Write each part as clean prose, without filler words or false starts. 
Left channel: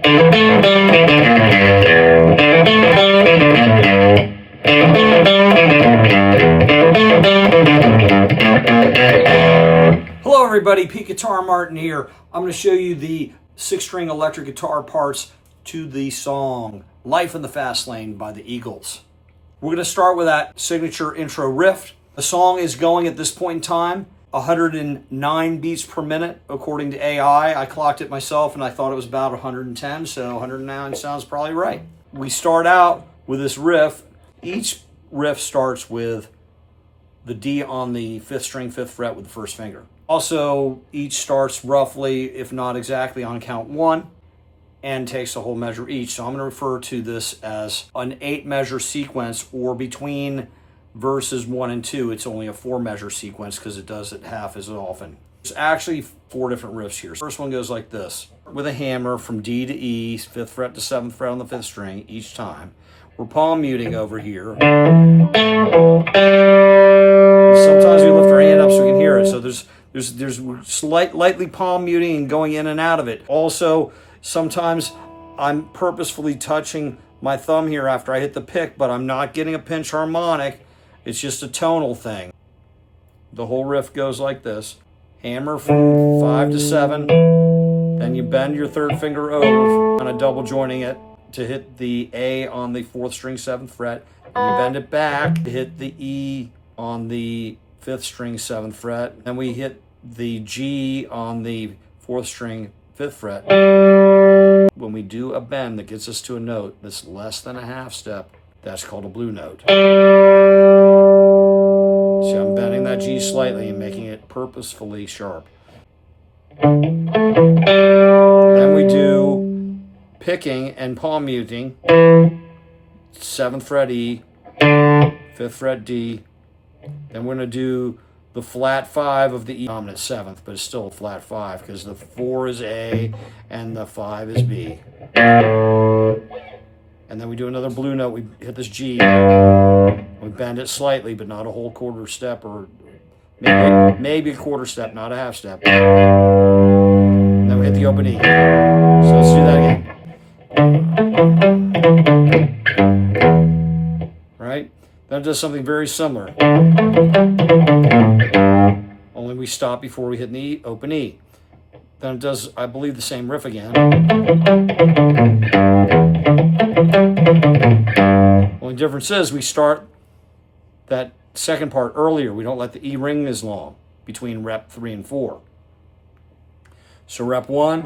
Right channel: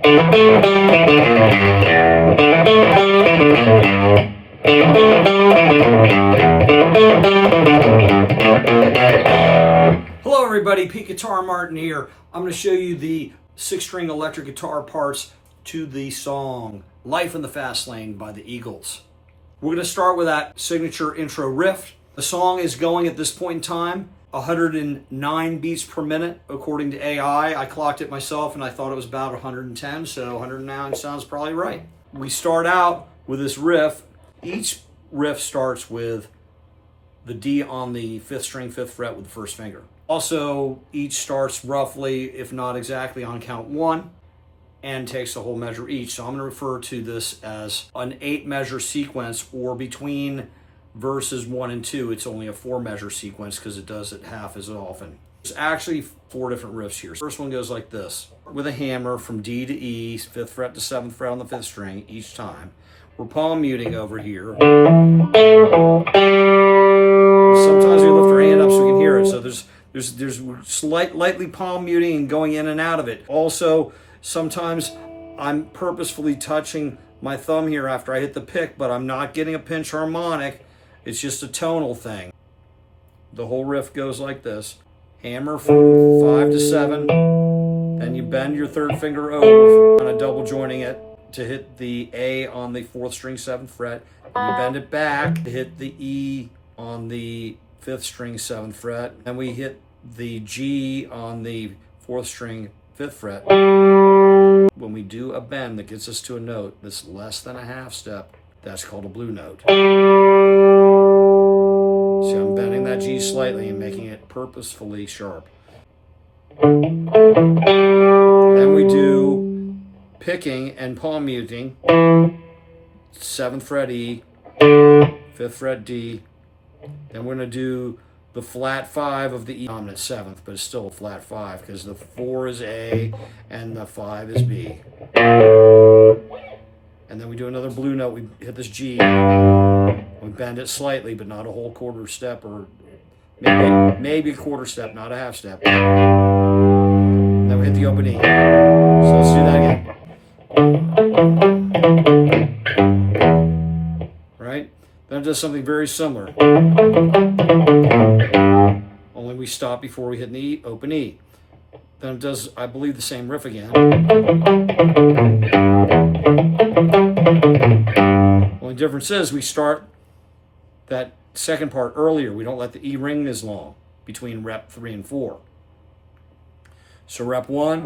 Hello everybody, Pete Guitar Martin here. I'm going to show you the 6-string electric guitar parts to the song Life in the Fast Lane by the Eagles. We're going to start with that signature intro riff. The song is going at this point in time 109 beats per minute according to AI. I clocked it myself and I thought it was about 110, so 109 sounds probably right. We start out with this riff. Each riff starts with the D on the 5th string, 5th fret with the 1st finger. Also, each starts roughly, if not exactly, on count 1 and takes a whole measure each. So I'm going to refer to this as an 8-measure sequence, or between verses 1 and 2, it's only a 4-measure sequence because it does it half as often. There's actually 4 different riffs here. First one goes like this. With a hammer from D to E, 5th fret to 7th fret on the 5th string each time. We're palm muting over here. Sometimes we lift our hand up so we can hear it. So there's lightly palm muting and going in and out of it. Also, sometimes I'm purposefully touching my thumb here after I hit the pick, but I'm not getting a pinch harmonic. It's just a tonal thing. The whole riff goes like this. Hammer from 5 to 7. Then you bend your 3rd finger over, kind of double joining it to hit the A on the 4th string, 7th fret. And you bend it back to hit the E on the 5th string, 7th fret. And we hit the G on the 4th string, 5th fret. When we do a bend that gets us to a note that's less than a half step, that's called a blue note. See, I'm bending that G slightly and making it purposefully sharp. Then we do picking and palm muting, 7th fret E, 5th fret D. Then we're going to do the flat 5 of the E dominant 7th, but it's still a flat 5 because the 4 is A and the 5 is B. And then we do another blue note. We hit this G. We bend it slightly, but not a whole quarter step, or maybe a quarter step, not a half step. And then we hit the open E. So let's do that again. Right? Then it does something very similar. Only we stop before we hit an E, open E. Then it does, I believe, the same riff again. Only difference is we start that second part earlier. We don't let the E ring as long between rep 3 and 4. So rep 1,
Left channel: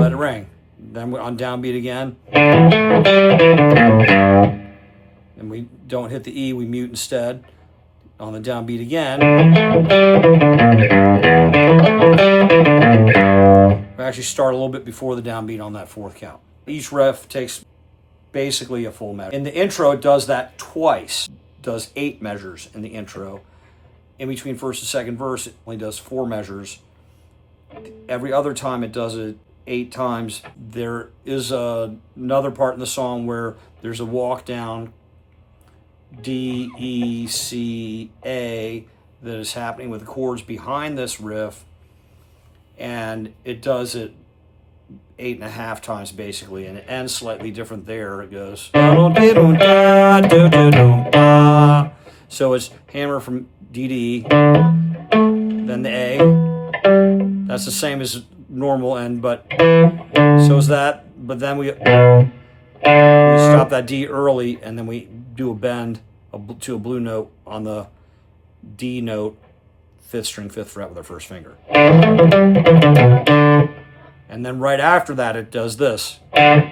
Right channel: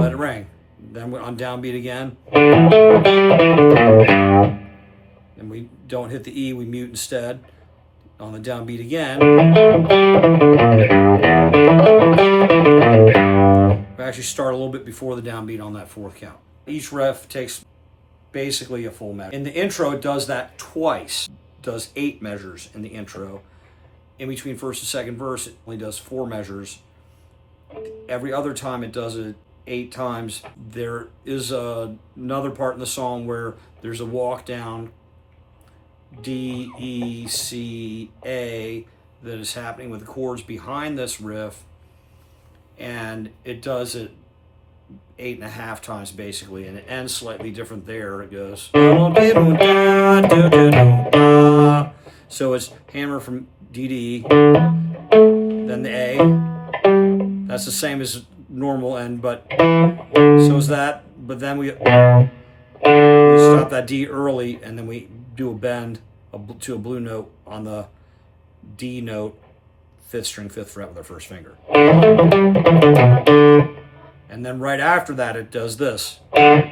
let it ring. Then we're on downbeat again. And we don't hit the E, we mute instead. On the downbeat again. We actually start a little bit before the downbeat on that 4th count. Each riff takes basically a full measure. In the intro, it does that twice. It does 8 measures in the intro. In between first and second verse, it only does 4 measures. Every other time it does it 8 times. There is another part in the song where there's a walk down D, E, C, A that is happening with the chords behind this riff, and it does it 8.5 times basically, and it ends slightly different there. It goes so it's hammer from D to E, then the A. That's the same as normal end, but so is that. But then we stop that D early, and then we do a bend to a blue note on the D note, 5th string, 5th fret with our 1st finger. And then right after that, it does this. Then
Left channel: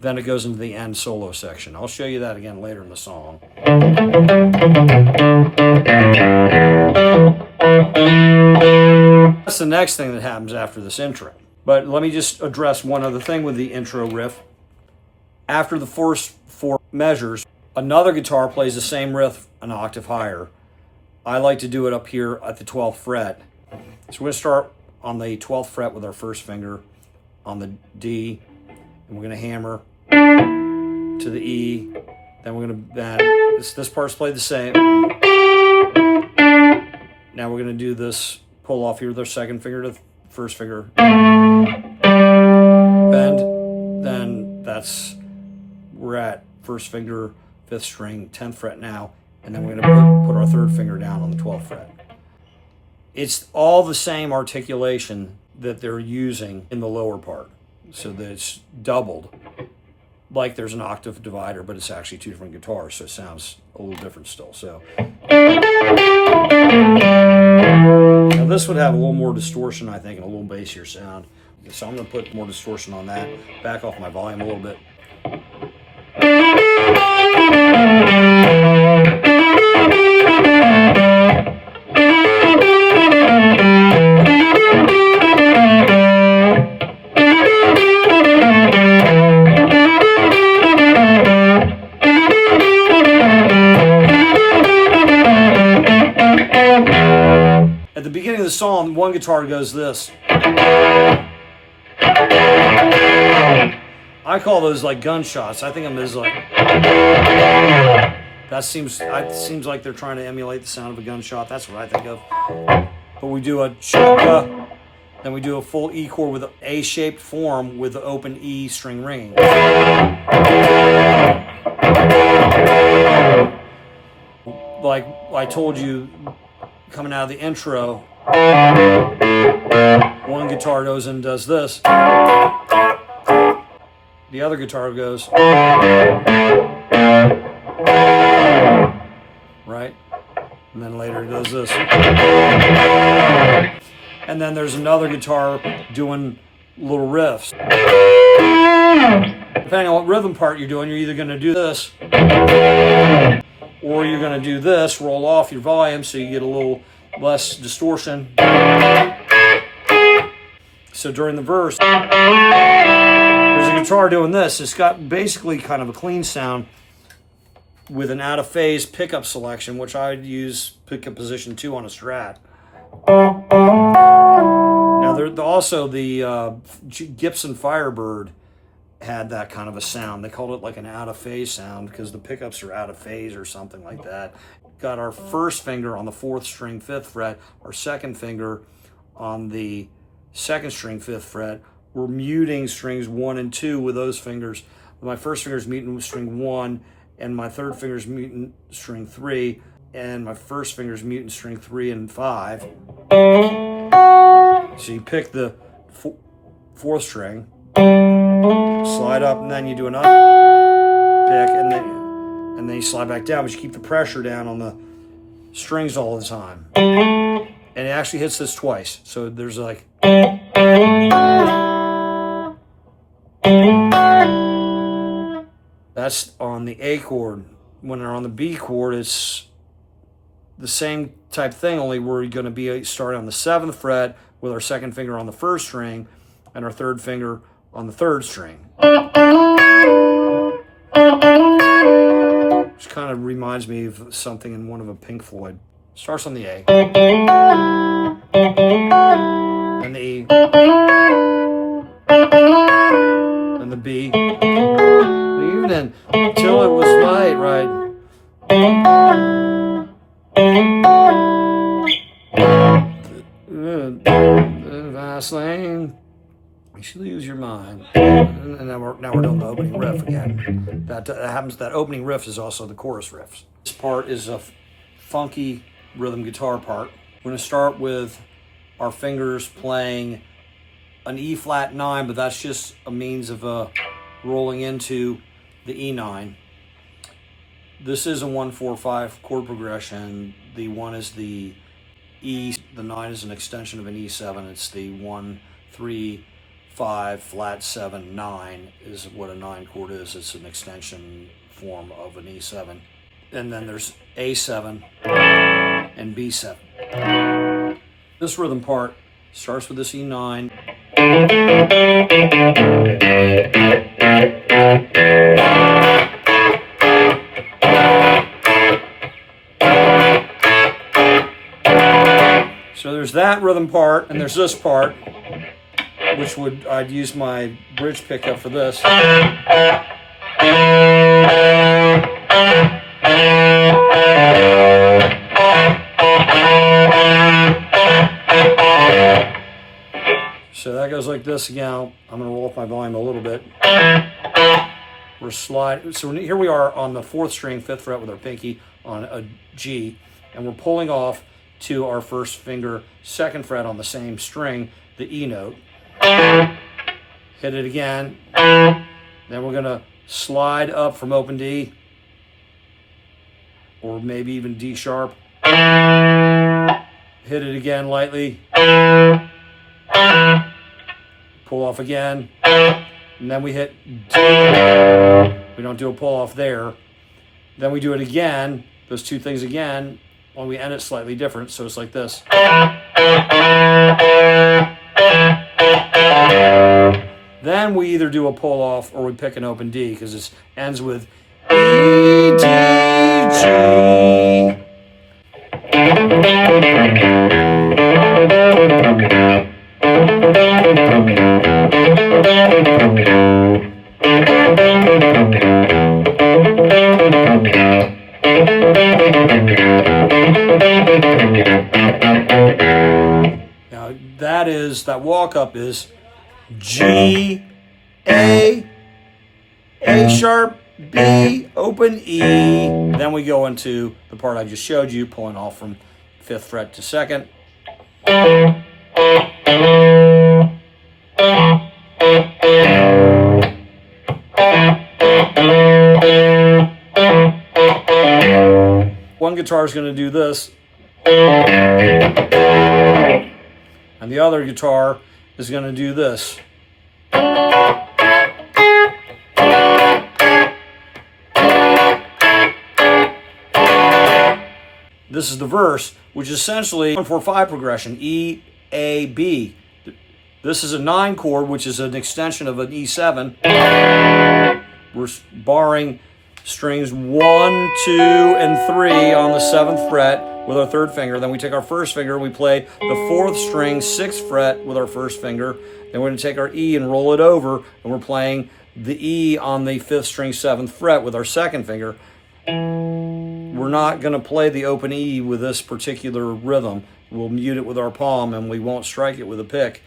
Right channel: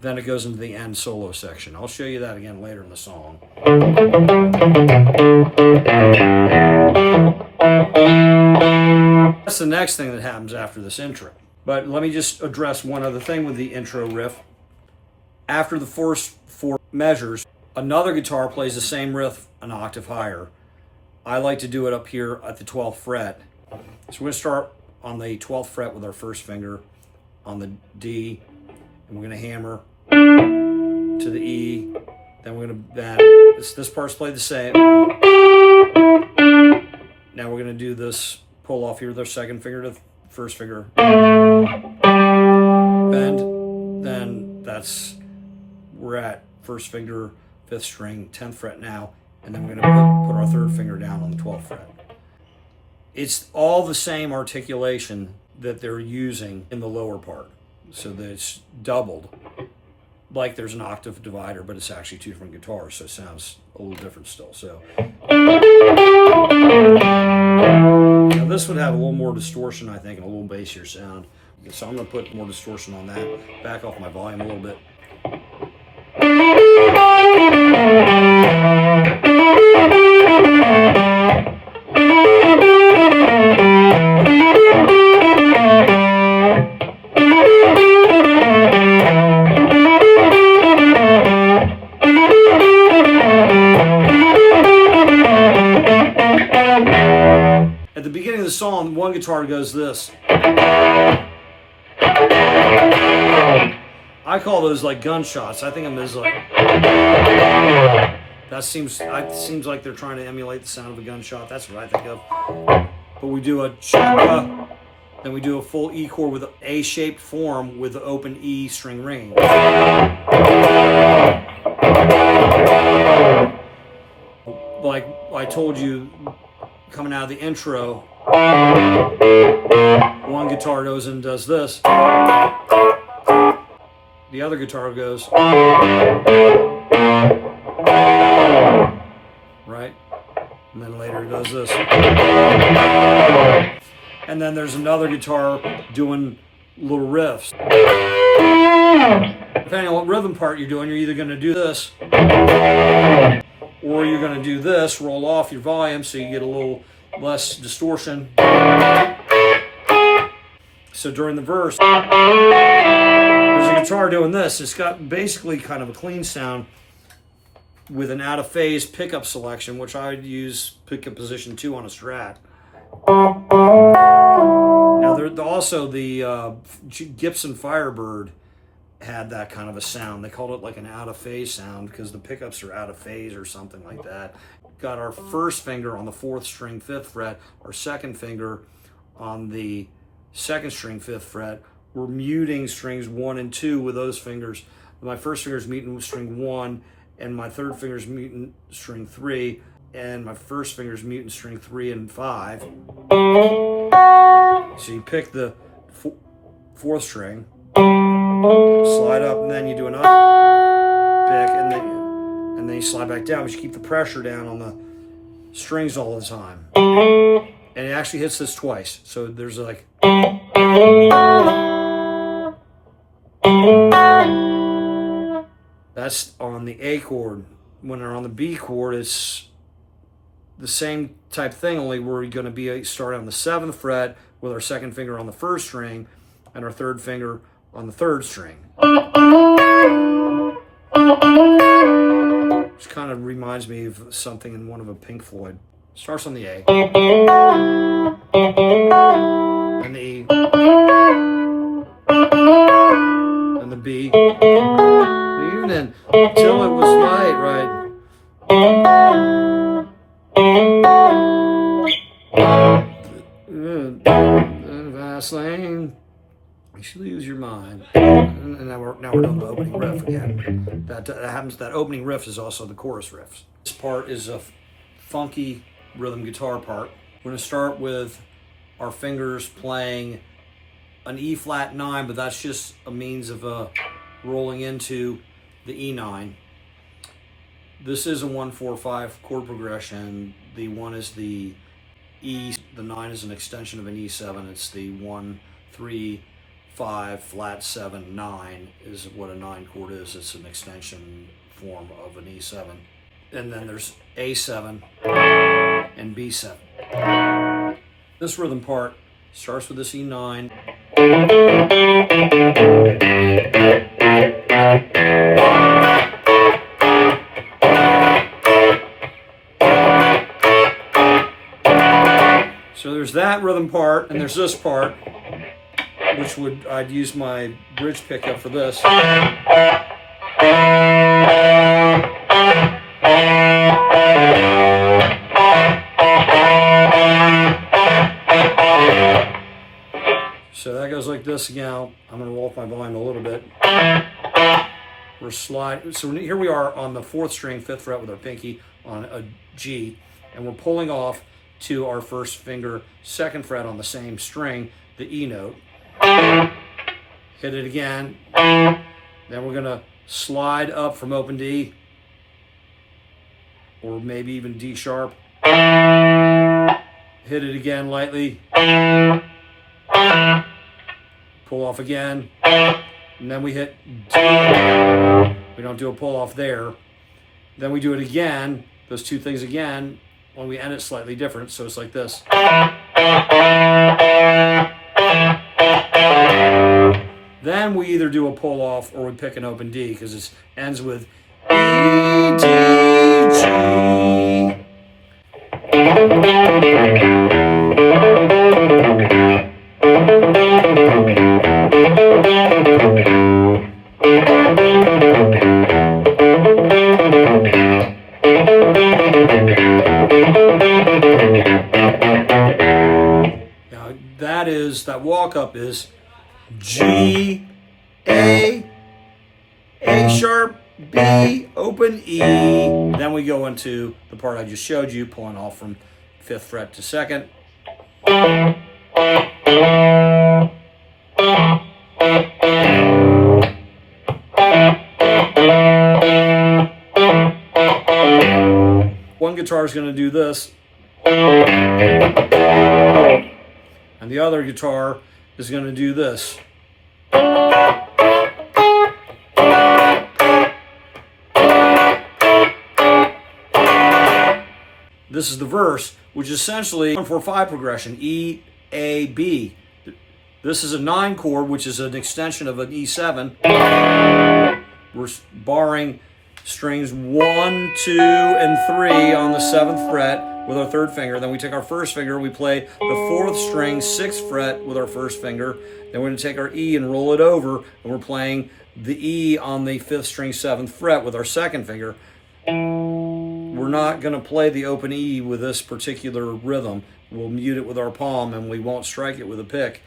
it goes into the end solo section. I'll show you that again later in the song. That's the next thing that happens after this intro. But let me just address one other thing with the intro riff. After the first 4 measures, another guitar plays the same riff an octave higher. I like to do it up here at the 12th fret. So we're going to start on the 12th fret with our 1st finger on the D, and we're going to hammer to the E. Then we're going to bend. This part's played the same. Now we're going to do this pull off here the second finger to the first finger, bend, then we're at first finger, 5th string, 10th fret now, and then we're going to put our 3rd finger down on the 12th fret. It's all the same articulation that they're using in the lower part, so that it's doubled, like there's an octave divider, but it's actually 2 different guitars, so it sounds a little different still. So now this would have a little more distortion, I think, and a little bassier sound. So I'm going to put more distortion on that, back off my volume a little bit. At the beginning of the song, one guitar goes this. I call those like gunshots. I think of them as like, that seems like they're trying to emulate the sound of a gunshot. That's what I think of. But we do a chaka, then we do a full E chord with an A-shaped form with the open E string ringing. Like I told you, coming out of the intro, one guitar goes and does this. The other guitar goes, right? And then later it does this. And then there's another guitar doing little riffs. Depending on what rhythm part you're doing, you're either going to do this, or you're going to do this, roll off your volume so you get a little less distortion. So during the verse, there's a guitar doing this. It's got basically kind of a clean sound with an out-of-phase pickup selection, which I would use pickup position 2 on a Strat. Now, also the Gibson Firebird had that kind of a sound. They called it like an out-of-phase sound because the pickups are out of phase or something like that. Got our first finger on the 4th string, 5th fret, our second finger on the 2nd string, 5th fret. We're muting strings 1 and 2 with those fingers. My first finger is muting string 1, and my third finger is muting string 3, and my first finger is muting string 3 and 5. So you pick the 4th string, slide up, and then you do another pick, and then you slide back down, but you keep the pressure down on the strings all the time. And it actually hits this twice. So there's like, that's on the A chord. When they're on the B chord, it's the same type thing, only we're going to be starting on the 7th fret with our second finger on the 1st string and our third finger on the 3rd string. Which kind of reminds me of something in one of a Pink Floyd. Starts on the A, and the E, and the B, even until it was light, right? Fast lane, you should lose your mind. And now we're doing the opening riff again. That happens. That opening riff is also the chorus riffs. This part is a funky rhythm guitar part. We're going to start with our fingers playing an E flat 9, but that's just a means of rolling into the E9. This is a 1-4-5 chord progression. The 1 is the E, the 9 is an extension of an E7. It's the 1-3-5 flat 7 9 is what a 9 chord is. It's an extension form of an E7. And then there's A7 and B7. This rhythm part starts with this E9. So there's that rhythm part, and there's this part, which I'd use my bridge pickup for this. So that goes like this again. I'm going to roll up my volume a little bit. We're sliding. So here we are on the 4th string, 5th fret with our pinky on a G, and we're pulling off to our 1st finger, 2nd fret on the same string, the E note. Hit it again. Then we're going to slide up from open D, or maybe even D sharp. Hit it again lightly. Pull off again. And then we hit D. We don't do a pull off there. Then we do it again, those two things again, when we end it slightly different. So it's like this. Then we either do a pull off or we pick an open D, because it ends with E, D, G. Now that walk up is G, A sharp, B, open E. Then we go into the part I just showed you, pulling off from 5th fret to 2nd. One guitar is going to do this, and the other guitar is going to do this. This is the verse, which is essentially 1-4-5 progression, E, A, B. This is a 9 chord, which is an extension of an E7. We're barring strings 1, 2, and 3 on the 7th fret with our 3rd finger. Then we take our 1st finger, we play the 4th string, 6th fret with our 1st finger. Then we're going to take our E and roll it over, and we're playing the E on the 5th string, 7th fret with our 2nd finger. We're not going to play the open E with this particular rhythm. We'll mute it with our palm, and we won't strike it with a pick.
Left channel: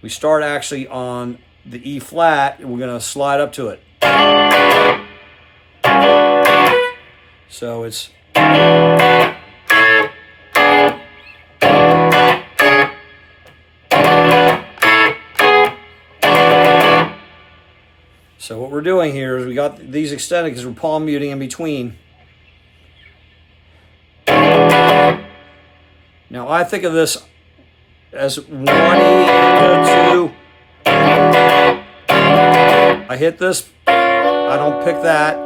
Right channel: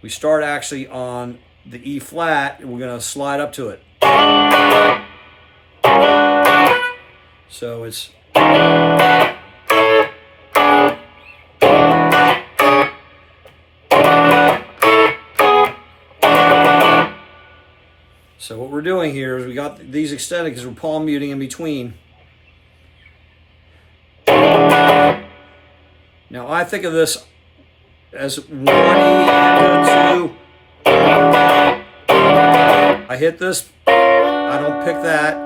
We start actually on the E flat, and we're going to slide up to it. So it's... So what we're doing here is we got these extended because we're palm muting in between. Now I think of this as 1 E and a 2. I hit this, I don't pick that.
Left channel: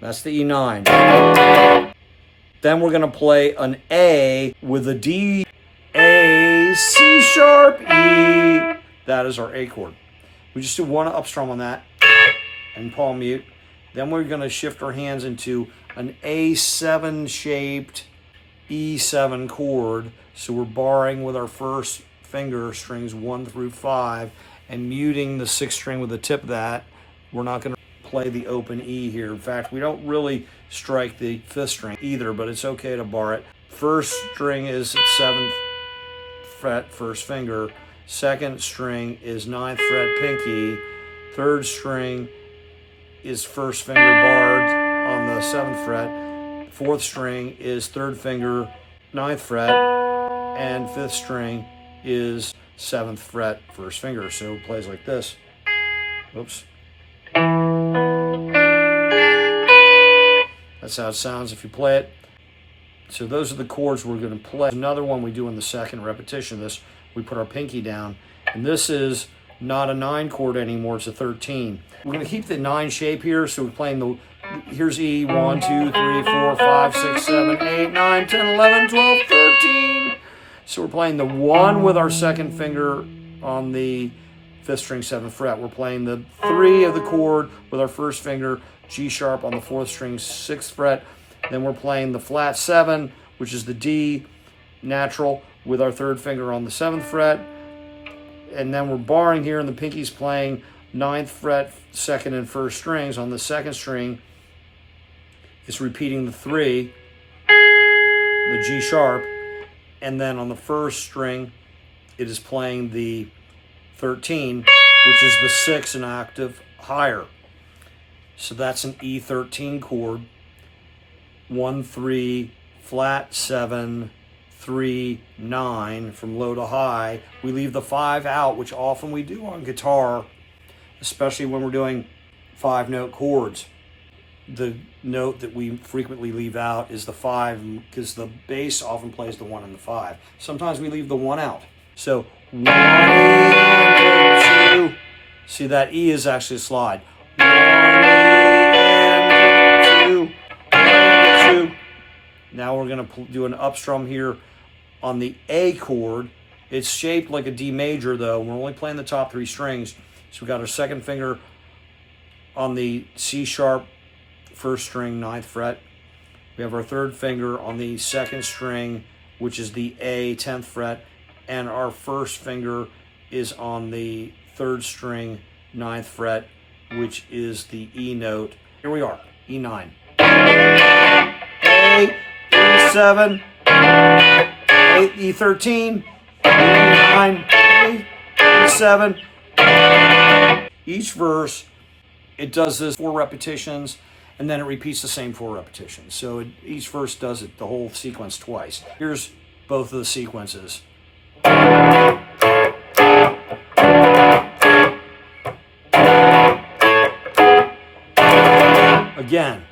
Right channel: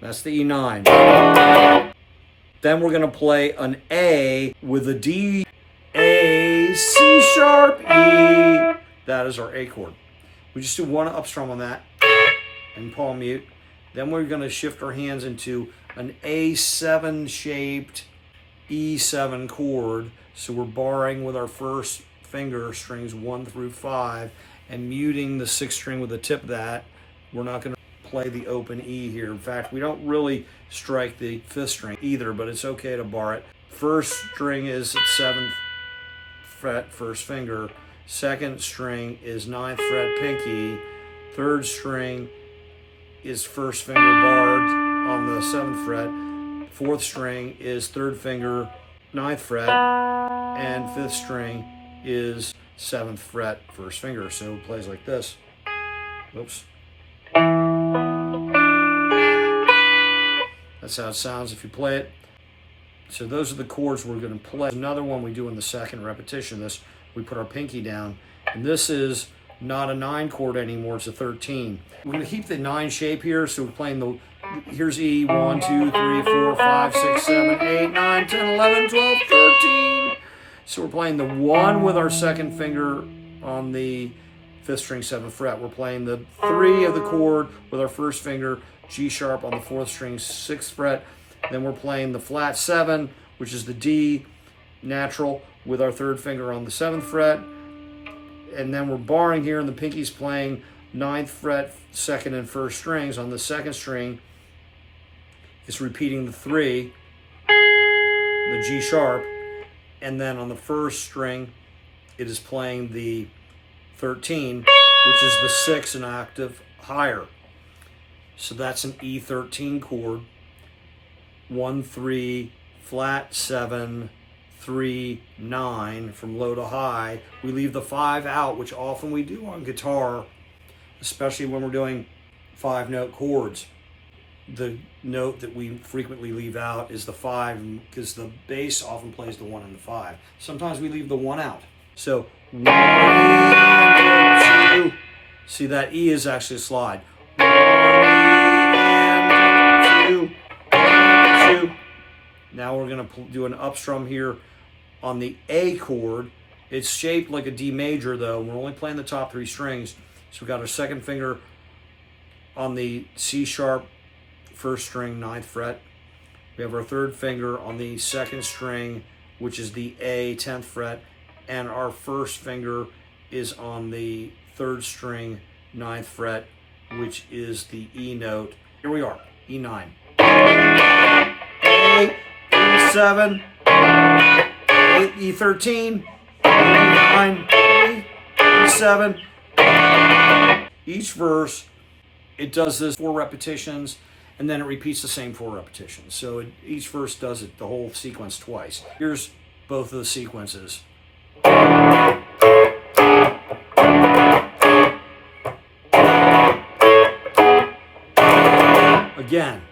That's the E9. Then we're going to play an A with a D, A, C sharp, E. That is our A chord. We just do one up strum on that and palm mute. Then we're going to shift our hands into an A7 shaped E7 chord. So we're barring with our 1st finger strings 1 through 5 and muting the 6th string with the tip of that. We're not going to play the open E here. In fact, we don't really strike the 5th string either, but it's okay to bar it. 1st string is 7th fret, 1st finger. 2nd string is 9th fret pinky. 3rd string is 1st finger barred on the 7th fret. 4th string is 3rd finger, 9th fret. And 5th string is 7th fret, 1st finger. So it plays like this. Oops. That's how it sounds if you play it. So those are the chords we're going to play. Another one we do in the 2nd repetition of this, we put our pinky down. And this is not a 9 chord anymore, it's a 13. We're going to keep the 9 shape here, so we're playing the, here's E, 1, 2, 3, 4, 5, 6, 7, 8, 9, 10, 11, 12, 13. So we're playing the 1 with our 2nd finger on the 5th string, 7th fret. We're playing the 3 of the chord with our 1st finger, G sharp on the 4th string, 6th fret. Then we're playing the flat 7, which is the D natural, with our 3rd finger on the 7th fret. And then we're barring here, and the pinky's playing 9th fret, 2nd and 1st strings. On the 2nd string, it's repeating the 3, the G sharp, And then on the first string, it is playing the 13, which is the 6 an octave higher. So that's an E13 chord. 1, 3, flat, 7, 3, 9 from low to high. We leave the 5 out, which often we do on guitar, especially when we're doing 5-note chords. The note that we frequently leave out is the 5 because the bass often plays the 1 and the 5. Sometimes we leave the 1 out. So 1, 2. See, that E is actually a slide. 1, 2, 1, 2. Now we're going to do an up strum here on the A chord. It's shaped like a D major though. We're only playing the top 3 strings. So we got our second finger on the C sharp first string, 9th fret. We have our third finger on the second string, which is the A, 10th fret. And our first finger is on the third string, 9th fret, which is the E note. Here we are, E9. A, E7, A, E13, E9, A, E7. Each verse, it does this 4 repetitions, and then it repeats the same 4 repetitions. So each verse does it, the whole sequence twice. Here's both of the sequences. Again.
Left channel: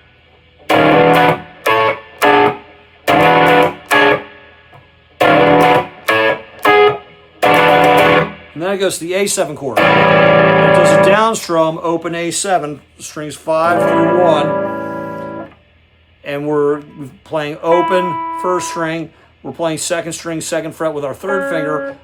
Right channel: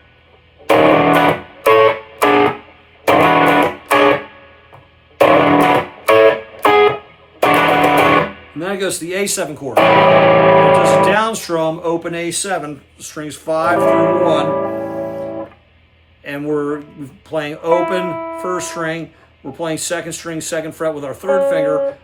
And then it goes to the A7 chord. It does a down strum, open A7, strings 5 through 1. And we're playing open first string. We're playing second string, 2nd fret with our third finger.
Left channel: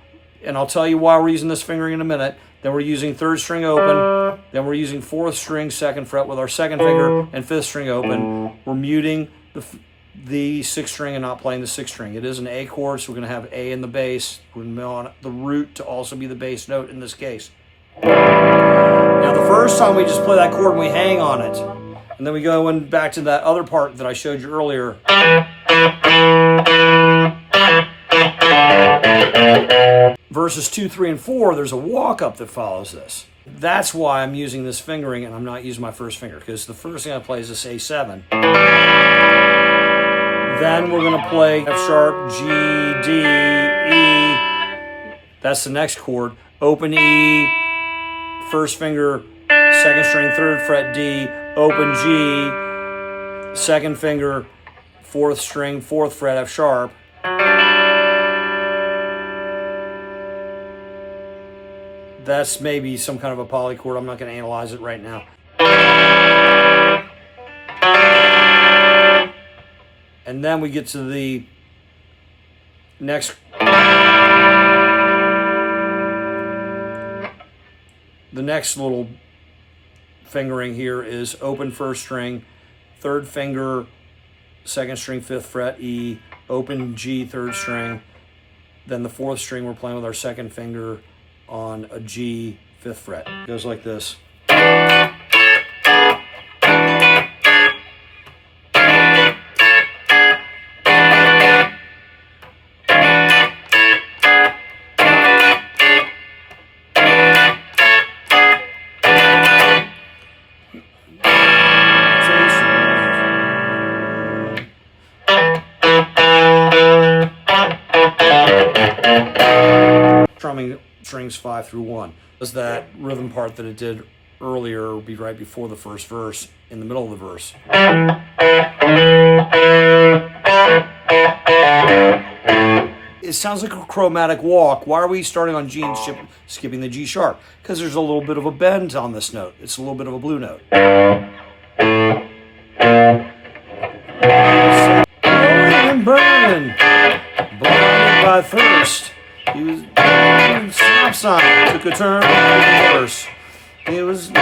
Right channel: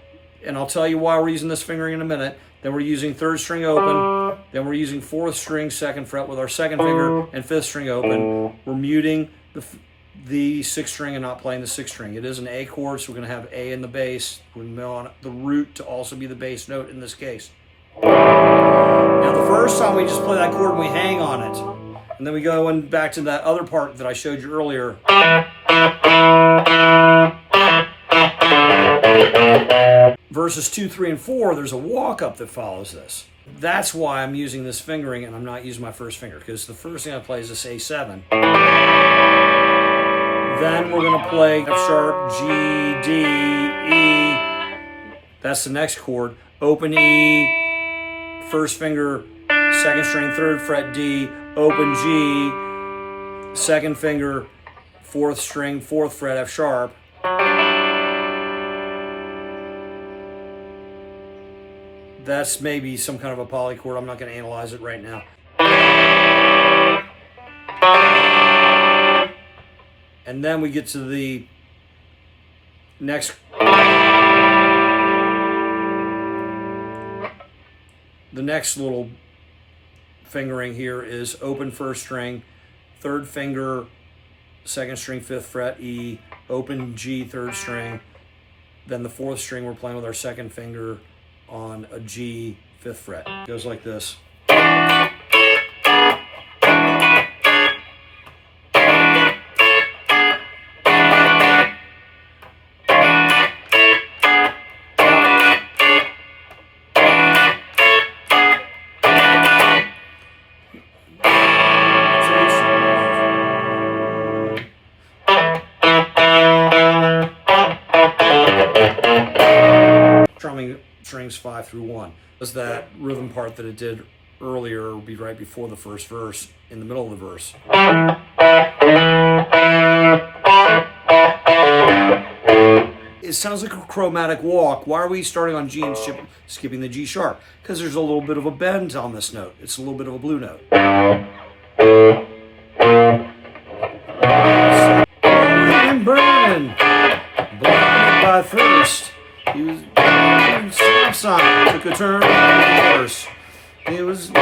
And I'll tell you why we're using this fingering in a minute. Then we're using 3rd string open. Then we're using 4th string, 2nd fret with our 2nd finger and 5th string open. We're muting the 6th string and not playing the 6th string. It is an A chord, so we're going to have A in the bass. We're going to want the root to also be the bass note in this case. Now the first time we just play that chord and we hang on it. And then we go in back to that other part that I showed you earlier. Verses 2, 3, and 4, there's a walk up that follows this. That's why I'm using this fingering and I'm not using my first finger, because the first thing I play is this A7. Then we're going to play F sharp, G, D, E. That's the next chord. Open E, first finger, 2nd string, 3rd fret D, open G, 2nd finger, 4th string, 4th fret F sharp. That's maybe some kind of a polychord. I'm not going to analyze it right now. And then we get to the next. The next little fingering here is open first string, 3rd finger, 2nd string, 5th fret E, open G, 3rd string. Then the 4th string we're playing with our 2nd finger on a G, 5th fret. It goes like this. Strumming strings 5 through 1. Does that rhythm part that it did earlier will be right before the first verse, in the middle of the verse. It sounds like a chromatic walk. Why are we starting on G and skipping the G sharp? Because there's a little bit of a bend on this note. It's a little bit of a blue note. Burning by thirst. He was stop sign, took a turn, verse. It was you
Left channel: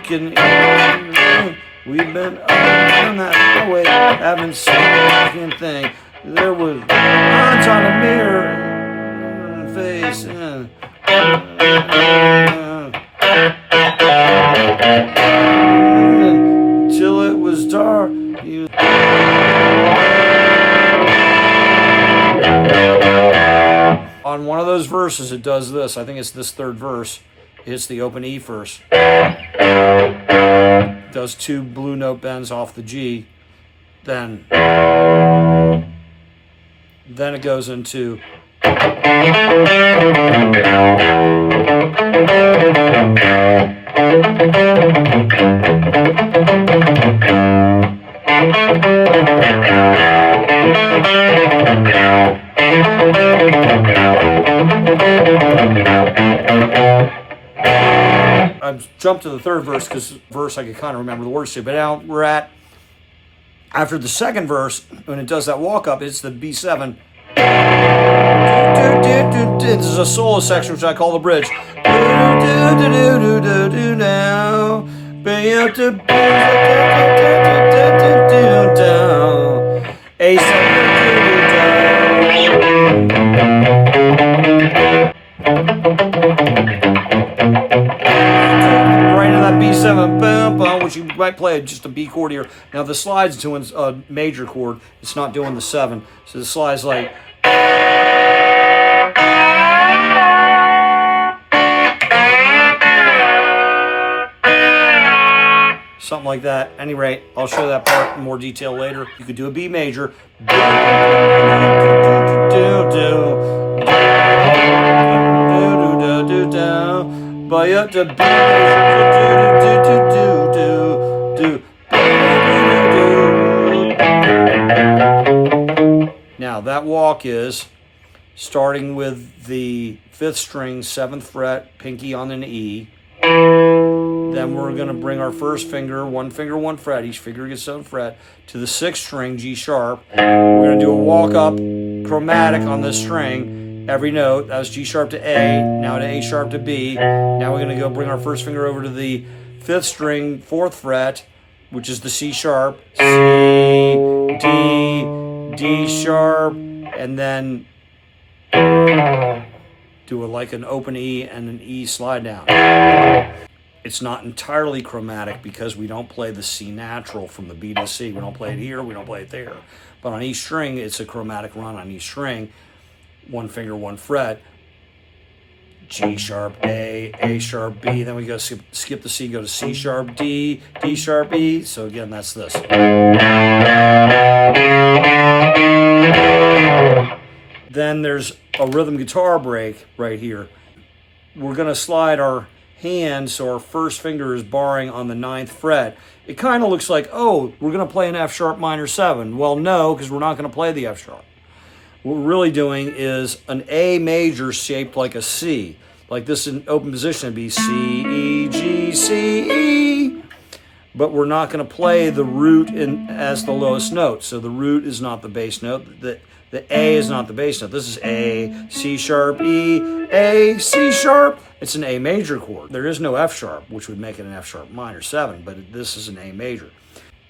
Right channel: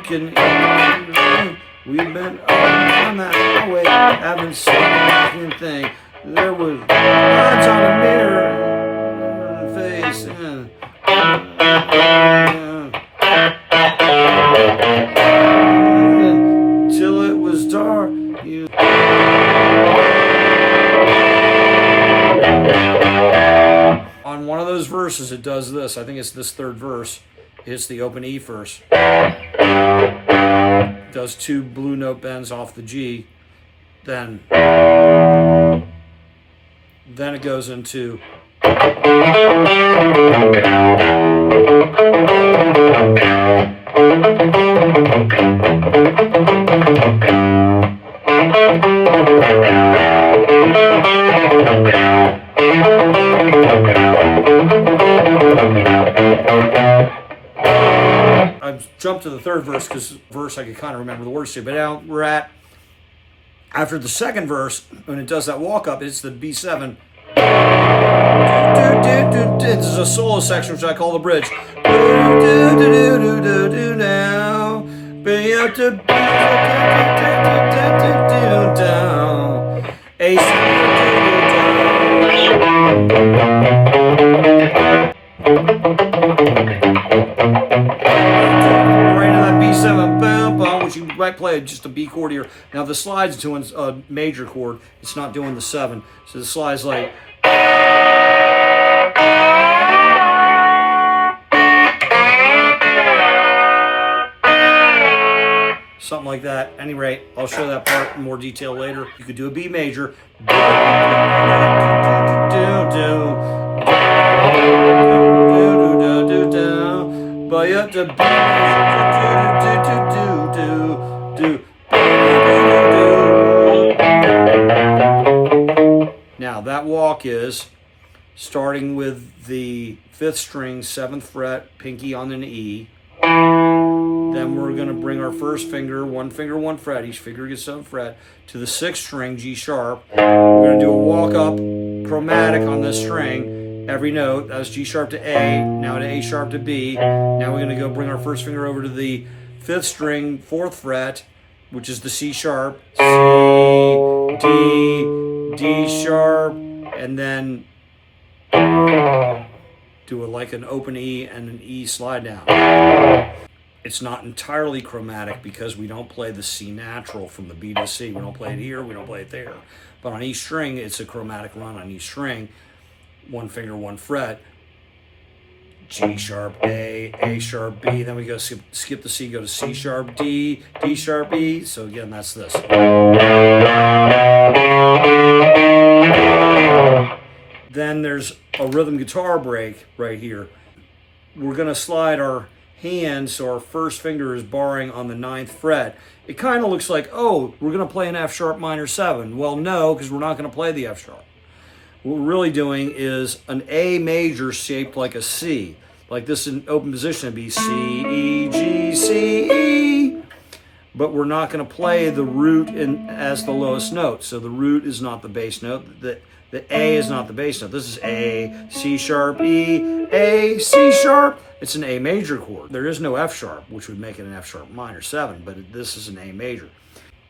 can. We've been up on that highway, having some thing. There was words on a mirror and face and till it was dark. those verses, it does this. I think it's this third verse. It hits the open E first. It does 2 blue note bends off the G. Then it goes into I jumped to the third verse because verse I could kind of remember the words to, but now we're at after the second verse when it does that walk up, it's the B7. This is a solo section which I call the bridge. Now, right in that B7, which you might play just a B chord here. Now the slide's doing a major chord. It's not doing the 7. So the slide's like. Something like that. At any rate, I'll show that part in more detail later. You could do a B major. Now that walk is starting with the 5th string, 7th fret, pinky on an E. Then we're going to bring our first finger, 1 finger, 1 fret, each finger gets 7 fret, to the 6th string, G sharp. We're going to do a walk up chromatic on this string, every note. That was G sharp to A, now to A sharp to B. Now we're going to go bring our first finger over to the 5th string, 4th fret, which is the C sharp, C, D, D sharp, and then do it like an open E and an E slide down. It's not entirely chromatic because we don't play the C natural from the B to C. We don't play it here, we don't play it there. But on each string, it's a chromatic run on each string. 1 finger, 1 fret. G sharp A sharp B. Then we go skip the C, go to C sharp D, D sharp E. So again, that's this. Then there's a rhythm guitar break right here. We're going to slide our hand so our first finger is barring on the 9th fret. It kind of looks like, oh, we're going to play an F sharp minor 7. Well, no, because we're not going to play the F sharp. What we're really doing is an A major shaped like a C. Like this in open position would be C, E, G, C, E. But we're not going to play the root as the lowest note. So the root is not the bass note. The A is not the bass note. This is A, C sharp, E, A, C sharp. It's an A major chord. There is no F sharp, which would make it an F sharp minor 7, but this is an A major.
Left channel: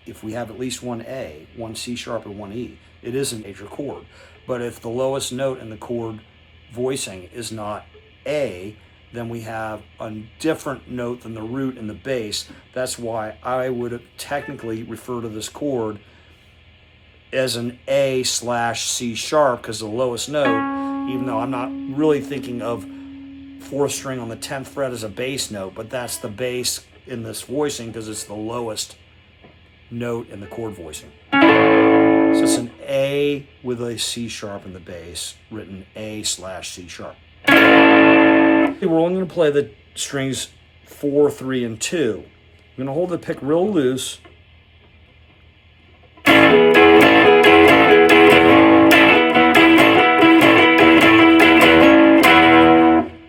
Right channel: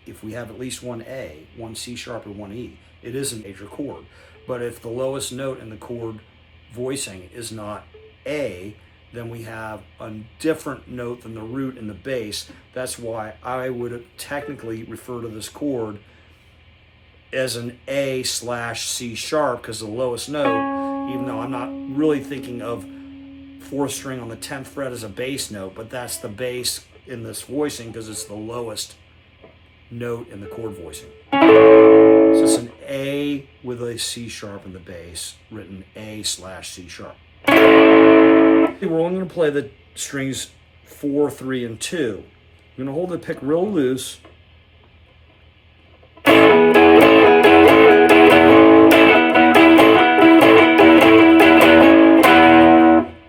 If we have at least one A, one C sharp, or one E, it is a major chord. But if the lowest note in the chord voicing is not A, then we have a different note than the root in the bass. That's why I would technically refer to this chord as an A/C sharp, because the lowest note, even though I'm not really thinking of 4th string on the 10th fret as a bass note, but that's the bass in this voicing because it's the lowest note in the chord voicing. So it's an A with a C sharp in the bass, written A/C sharp. We're only going to play the strings 4, 3, and 2. I'm going to hold the pick real loose.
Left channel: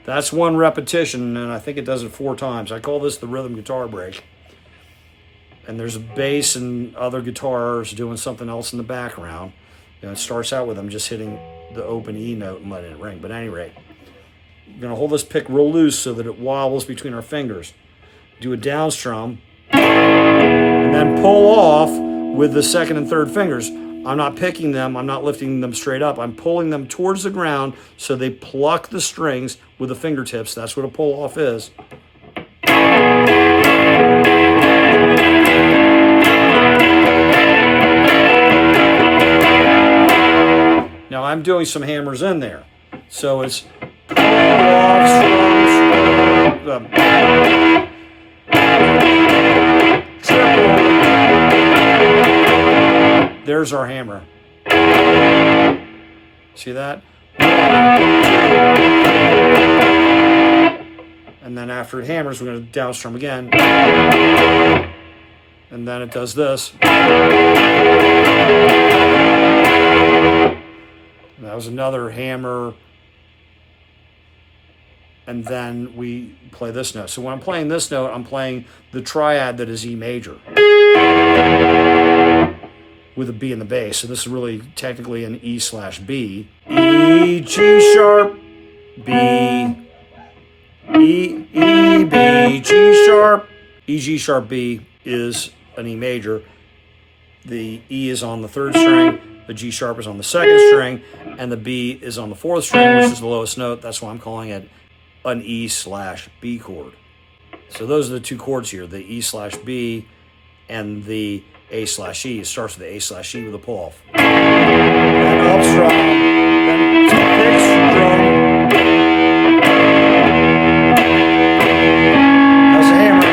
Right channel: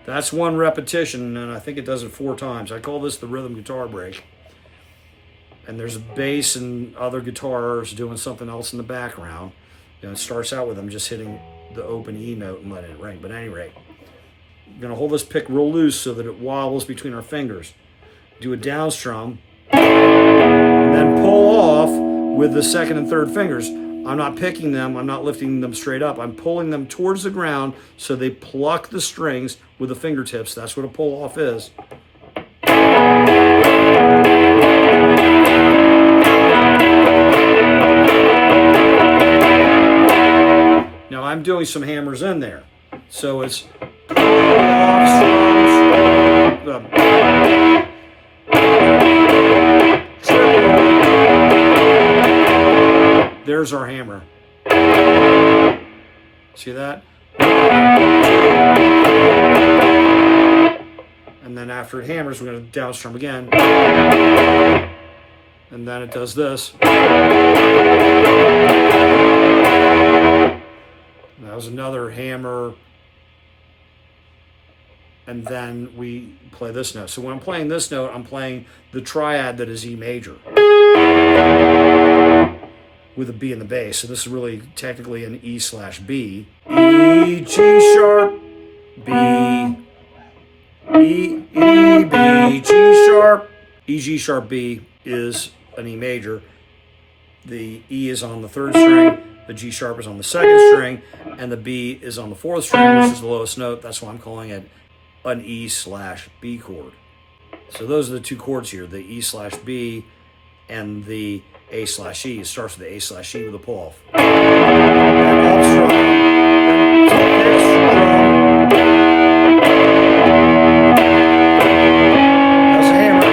That's one repetition, and I think it does it 4 times. I call this the rhythm guitar break. And there's a bass and other guitars doing something else in the background. You know, it starts out with them just hitting the open E note and letting it ring. But at any rate, we're going to hold this pick real loose so that it wobbles between our fingers. Do a down strum, and then pull off with the 2nd and 3rd fingers. I'm not picking them, I'm not lifting them straight up. I'm pulling them towards the ground so they pluck the strings with the fingertips. That's what a pull off is. Now I'm doing some hammers in there. So it's off strums, triple. There's our hammer. See that? And then after it hammers, we're going to down strum again. And then it does this. That was another hammer. And then we play this note. So when I'm playing this note, I'm playing the triad that is E major with a B in the bass. So this is really technically an E/B. E, G sharp, B, E, B, G sharp. E, G sharp, B is an E major. The E is on the 3rd string, the G sharp is on the 2nd string, and the B is on the 4th string, which is the lowest note. That's why I'm calling it an E/B chord. So those are the two chords here, the E/B and the A/E. It starts with the A/E with a pull off. Then up strum, then pick strum. That's a hammer.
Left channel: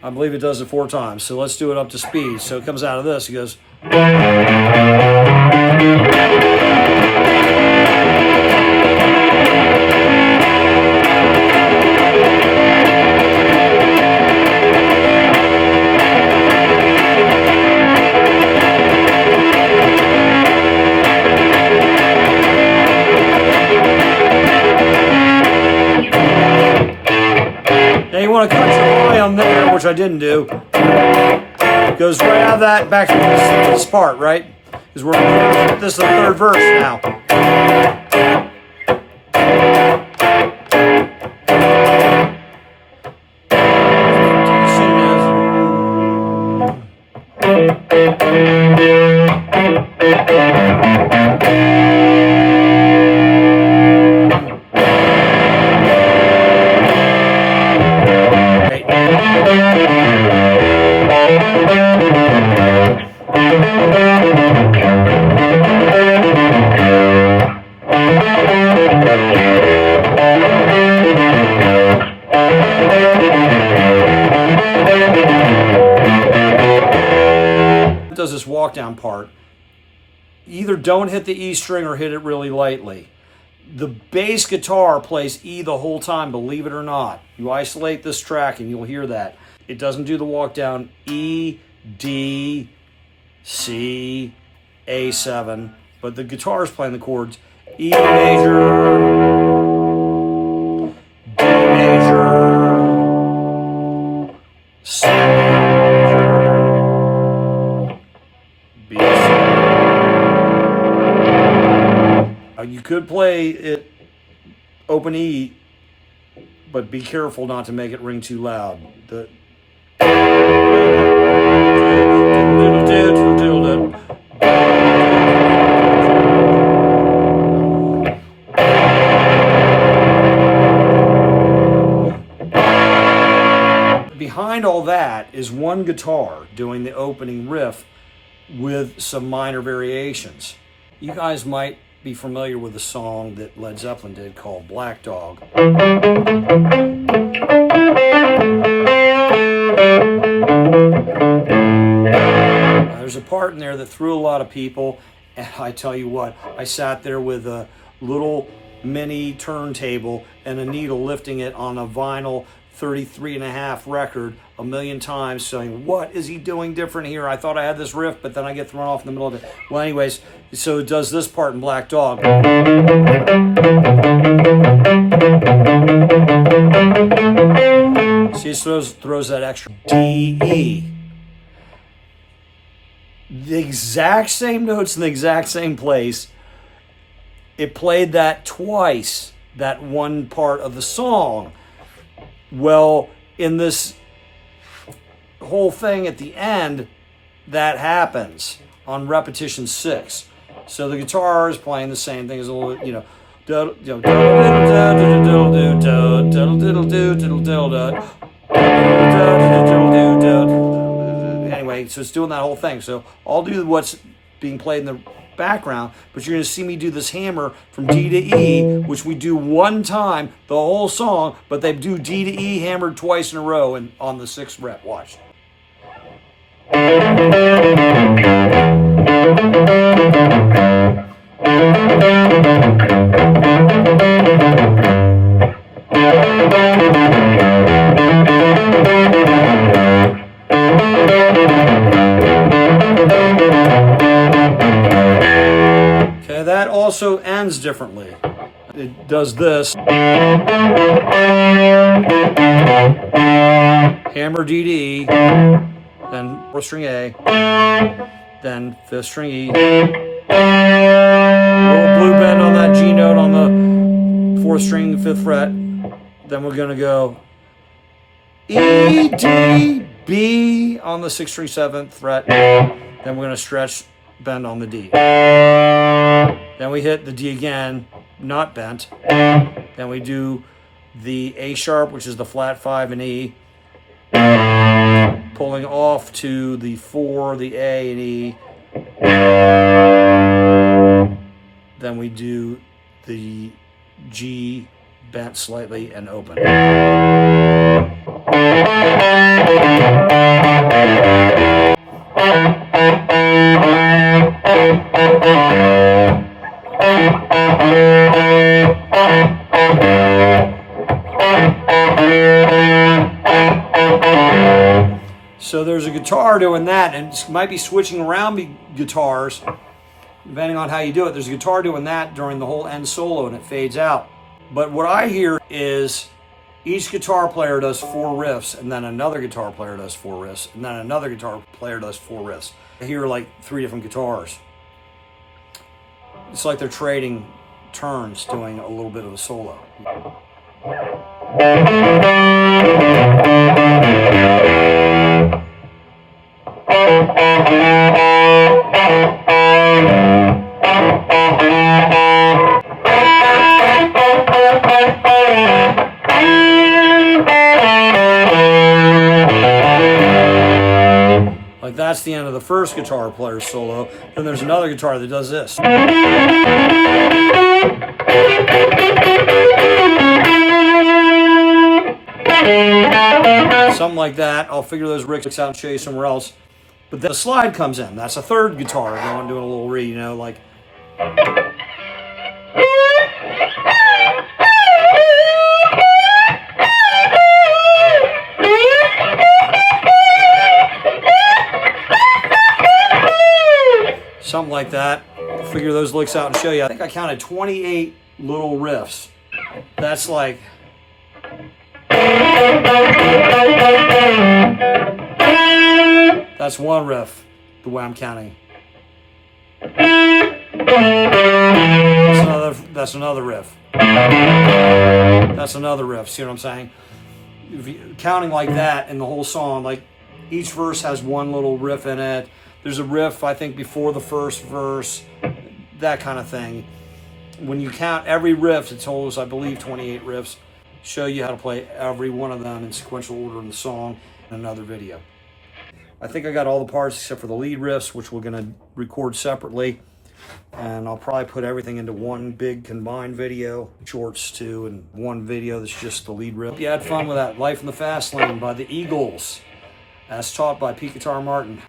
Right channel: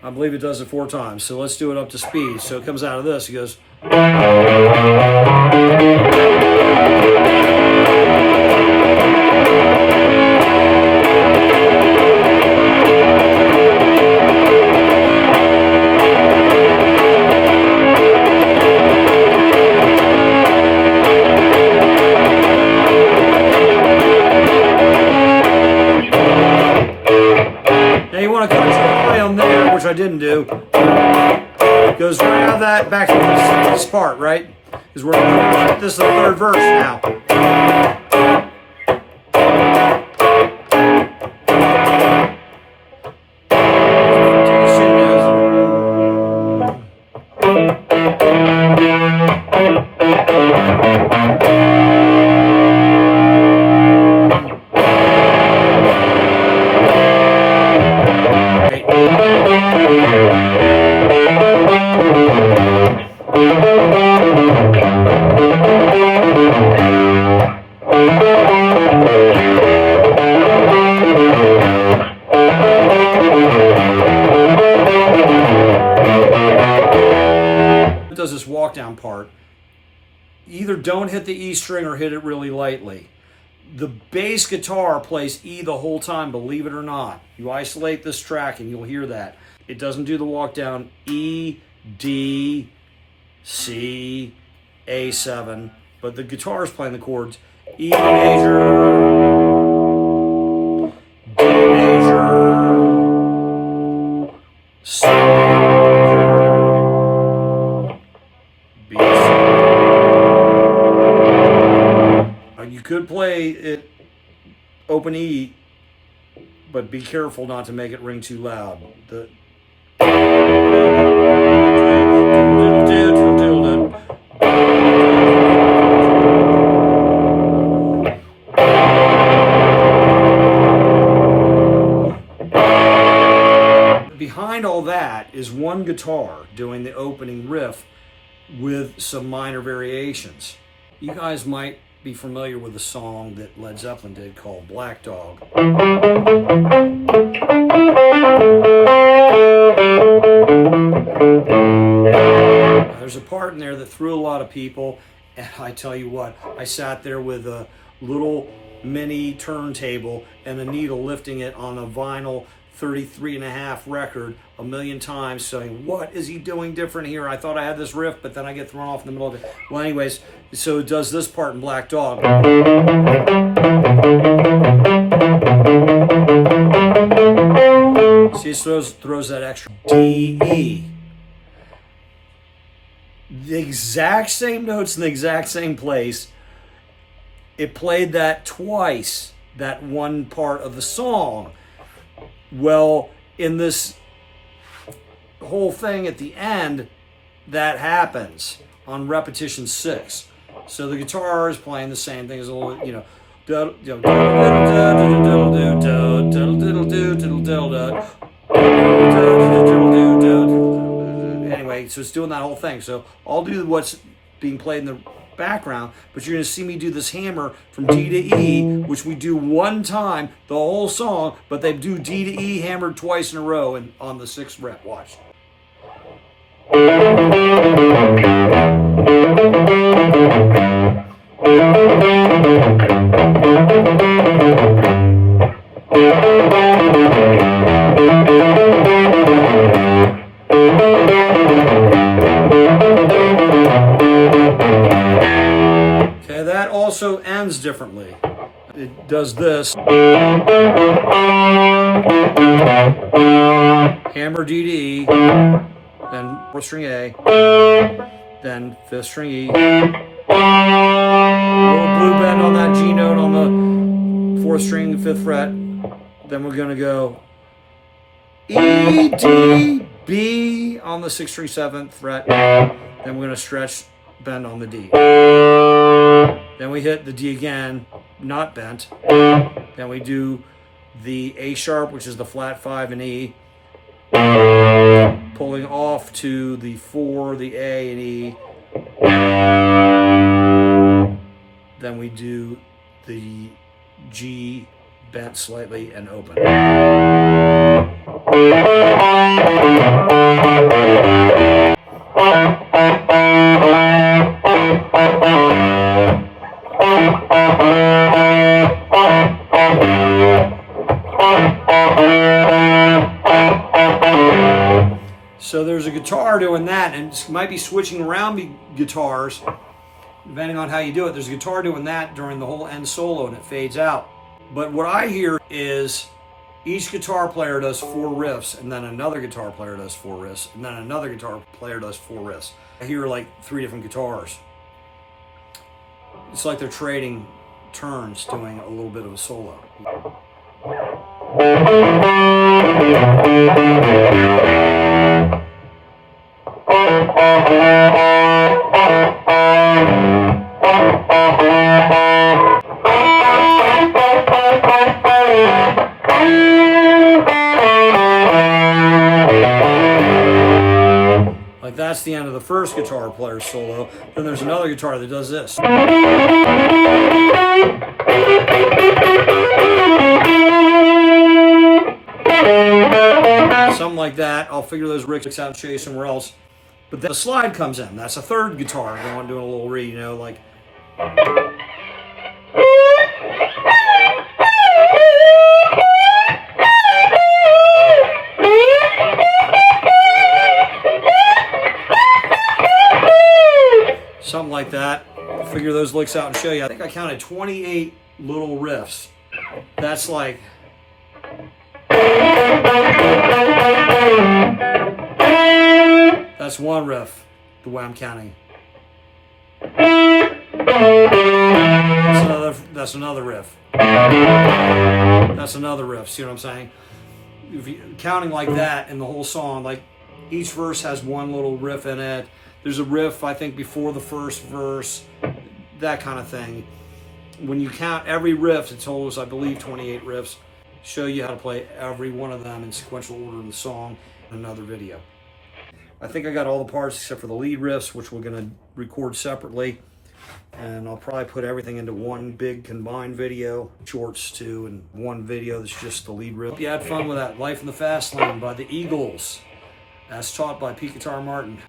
I believe it does it 4 times. So let's do it up to speed. So it comes out of this. It goes. Now you want to cut your volume there, which I didn't do. It goes right out of that back to this part, right? Because this is the 3rd verse now. Does this walk down part, either don't hit the E string or hit it really lightly. The bass guitar plays E the whole time, believe it or not. You isolate this track and you'll hear that. It doesn't do the walk down E, D, C, A7, but the guitar is playing the chords E major, D major, C major, B. You could play it open E, but be careful not to make it ring too loud. Behind all that is one guitar doing the opening riff with some minor variations. You guys might be familiar with a song that Led Zeppelin did called Black Dog. There's a part in there that threw a lot of people, and I tell you what, I sat there with a little mini turntable and a needle lifting it on a vinyl 33.5 record a million times, saying, what is he doing different here? I thought I had this riff, but then I get thrown off in the middle of it. Well, anyways, so it does this part in Black Dog. See, it throws that extra D, E. The exact same notes in the exact same place. It played that twice, that one part of the song. Well, in this whole thing at the end, that happens on repetition 6. So the guitar is playing the same thing as a little, Anyway, so it's doing that whole thing. So I'll do what's being played in the background, but you're going to see me do this hammer from D to E, which we do one time the whole song, but they do D to E hammered twice in a row and on the 6th fret. Watch. Okay, that also ends differently. It does this. Hammer D to E, then 4th string A, then 5th string E. Little blue bend on that G note on the 4th string, 5th fret. Then we're going to go E, D, B on the 6th string, 7th fret. Then we're going to stretch, bend on the D. Then we hit the D again, not bent. Then we do the A sharp, which is the flat 5 and E. Pulling off to the 4, the A and E. Then we do the G bent slightly and open. So there's a guitar doing that, and it might be switching around guitars, depending on how you do it. There's a guitar doing that during the whole end solo, and it fades out. But what I hear is each guitar player does 4 riffs, and then another guitar player does 4 riffs, and then another guitar player does 4 riffs. I hear like 3 different guitars. It's like they're trading turns, doing a little bit of a solo. Like that's the end of the first guitar player's solo. Then there's another guitar that does this. Something like that. I'll figure those rigs out and show you somewhere else. But then the slide comes in. That's a third guitar doing a little reed, you know, like. Something like that. I'll figure those licks out and show you. I think I counted 28 little riffs. That's like. That's one riff, the way I'm counting. That's another riff. That's another riff. See what I'm saying? If you, counting like that in the whole song, like each verse has one little riff in it. There's a riff, I think, before the first verse, that kind of thing. When you count every riff, it told us, I believe, 28 riffs. Show you how to play every one of them in sequential order in the song in another video. I think I got all the parts except for the lead riffs, which we're going to record separately. And I'll probably put everything into one big combined video, shorts too, and one video that's just the lead riff. You had fun with that. Life in the Fast Lane by the Eagles, as taught by Pete Guitar Martin.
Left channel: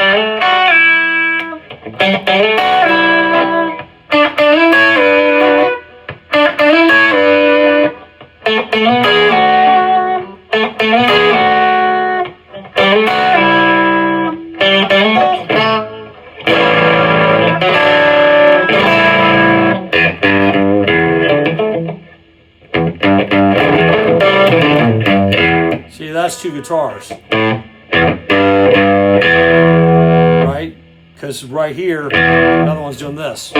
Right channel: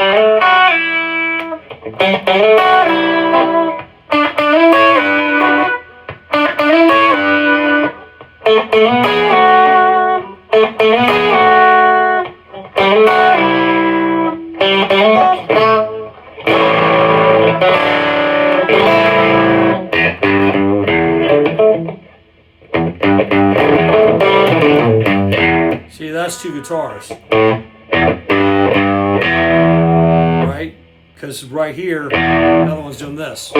See, that's two guitars, right? Because right here, another one's doing this.